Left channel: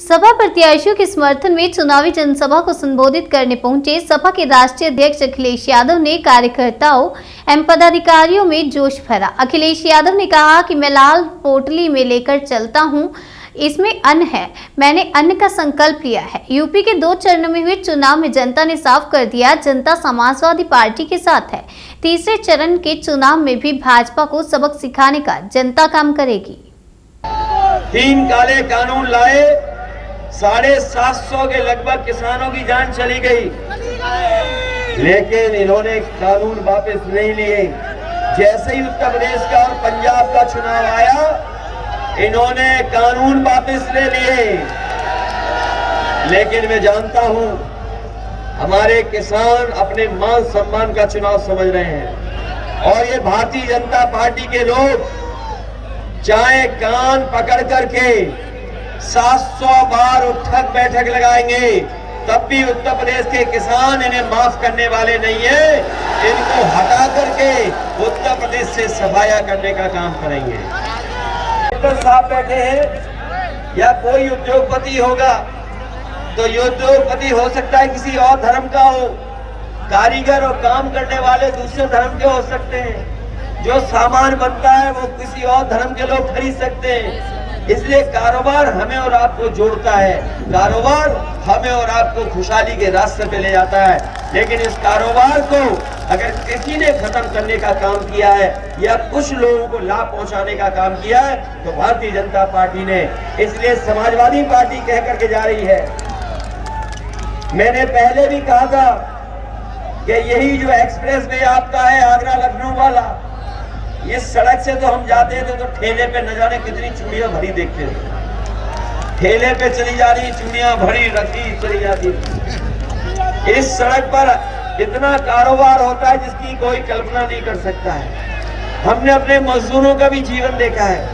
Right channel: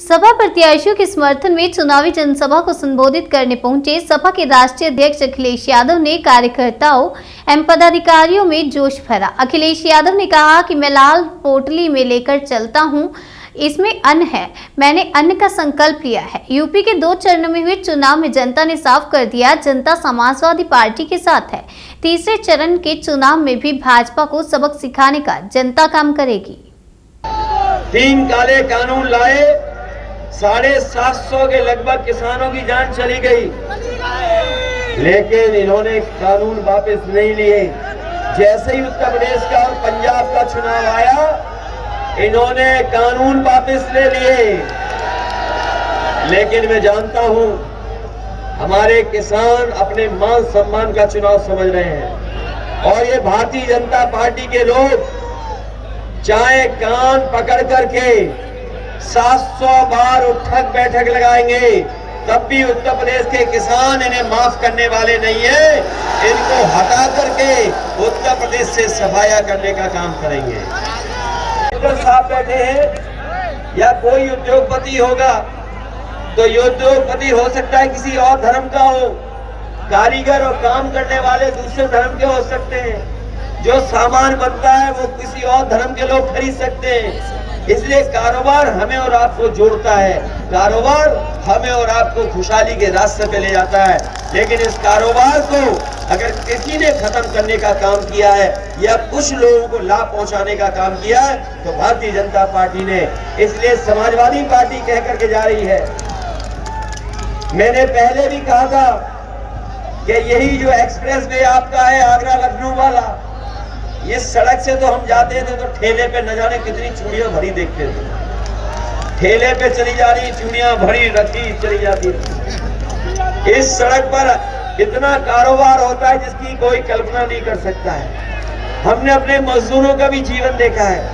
सपा प्रत्याशियों के समर्थन में चुनावी जनसभा को संबोधित करने पहुंचे सपा के राष्ट्रीय अध्यक्ष अखिलेश यादव ने कार्यकर्ताओं एवं पदाधिकारियों में जोश भरा। अखिलेश यादव ने कहा कि मैं लाल पोटली में लेकर चलता हूं, इसमें अन्न है, मैंने अन्न का संकल्प लिया है। यूपी के 2 चरणों में हुए चुनाव में जनता ने साफ कर दिया, जनता समाजवादी पार्टी के साथ है। तीसरे चरण के चुनाव में भी भाजपा को सबक सिखाने का जनता काम करेगी। 3 काले कानून लाए, 750 के लगभग किसानों की जान चली गई, लेकिन इन्होंने कानून वापस नहीं लिए। जैसे ही उत्तर प्रदेश का और पंजाब का चुनाव आया, इन्होंने कानून वापस ले लिए। लेकिन मैं जानता हूं हमारे किसान अपने मान सम्मान का चुनाव समझ रहे हैं, और ये भारतीय जनता पार्टी के लोग चाहे कान पकड़ करके 700 बार उठक बैठक लगाएंगे, तब भी उत्तर प्रदेश के किसान इन्हें माफ करने वाले नहीं है। इनको हटा करके उत्तर प्रदेश से सफाया करने का काम करेंगे। साथ बैठे हैं या कोई उद्योगपति होगा, तो ये उद्योगपति हो सकता है किसी और धर्म का हो, कारीगर और काम करने वाले दूसरे धर्म के हो सकते हैं। जो सामान बनता है वो किसी और धर्म के लोग खरीद सकते हैं। इसलिए कारोबार हमें और आपको जोड़ता है, कारोबार हमें और आपको खुशहाली के रास्ते पे ले जाता है। लेकिन इस कारोबार को अगर किसी ने खत्म करने का काम किया है या कुछ लोगों को लाभ पहुंचाने का काम किया है, तो भारतीय जनता पार्टी ने। इसलिए समाजवादी पार्टी कह करके जा रही है। मैंने पहले भी कहा था कि यही जो एक्सप्रेस वे आपका है आगरा लखनऊ वाला, इस सड़क से तो हम जाते थे तो ठेले पे न जाने कितनी चूड़ियां भरी देखते थे। ठेले पे चली जा रही चूड़ियां भरी रखी चली जाती थी। इस सड़क पर इतना कारोबार होता है जिसकी कोई कल्पना नहीं कर सकता है। हमने अपने मजदूरों का भी जीवन देखा है,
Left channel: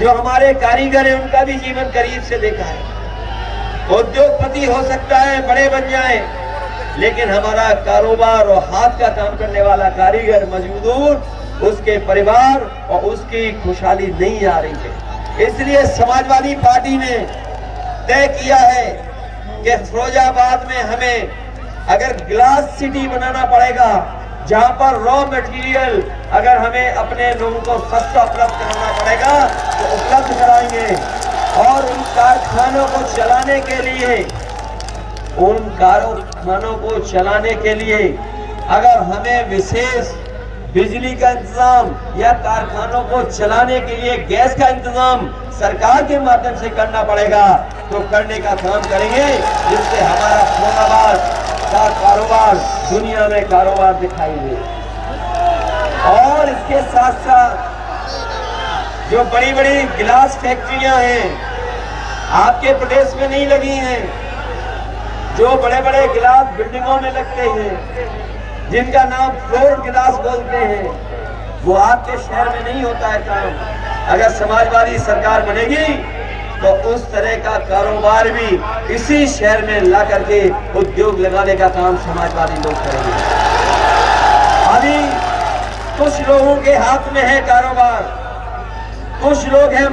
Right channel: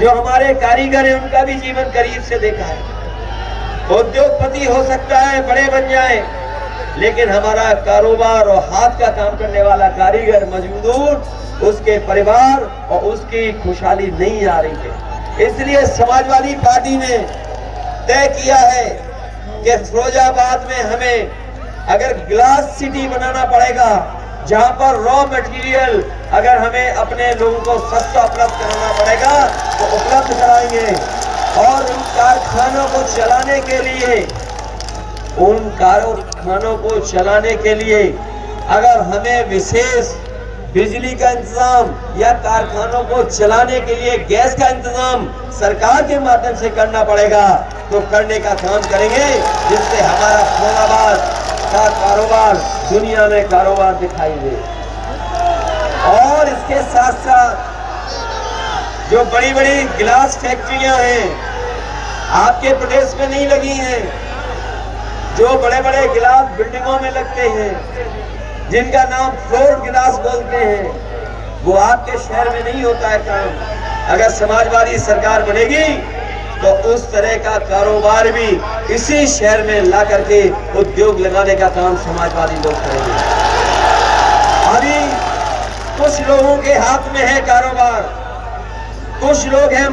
जो हमारे कारीगर हैं उनका भी जीवन करीब से देखा है। उद्योगपति हो सकता है बड़े बन जाए, लेकिन हमारा कारोबार और हाथ का काम करने वाला कारीगर मजदूर, उसके परिवार और उसकी खुशहाली नहीं आ रही है। इसलिए समाजवादी पार्टी ने तय किया है कि फिरोजाबाद में हमें अगर ग्लास सिटी बनाना पड़ेगा, जहां पर रॉ मटेरियल अगर हमें अपने लोगों को सस्ता उपलब्ध कराना पड़ेगा तो उपलब्ध कराएंगे। और उन कारखानों को चलाने के लिए अगर हमें विशेष बिजली का इंतजाम या कारखानों को चलाने के लिए गैस का इंतजाम सरकार के माध्यम से करना पड़ेगा, तो करने का काम करेंगे, जिससे हमारा फिरोजाबाद का कारोबार दुनिया में कारोबार दिखाई दे। और इसके साथ साथ जो बड़ी बड़ी गिलास फैक्ट्रियां हैं आपके प्रदेश में नहीं लगी हैं, जो बड़े बड़े गिलास बिल्डिंगों में लगते हैं, जिनका नाम फ्लोर गिलास बोलते हैं, वो आपके शहर में नहीं होता है काम। अगर समाजवादी सरकार बनेगी तो उस तरह का कारोबार भी इसी शहर में ला करके उद्योग लगाने का काम समाजवादी लोग करेंगे। अभी कुछ लोगों के हाथ में है कारोबार, कुछ लोग हैं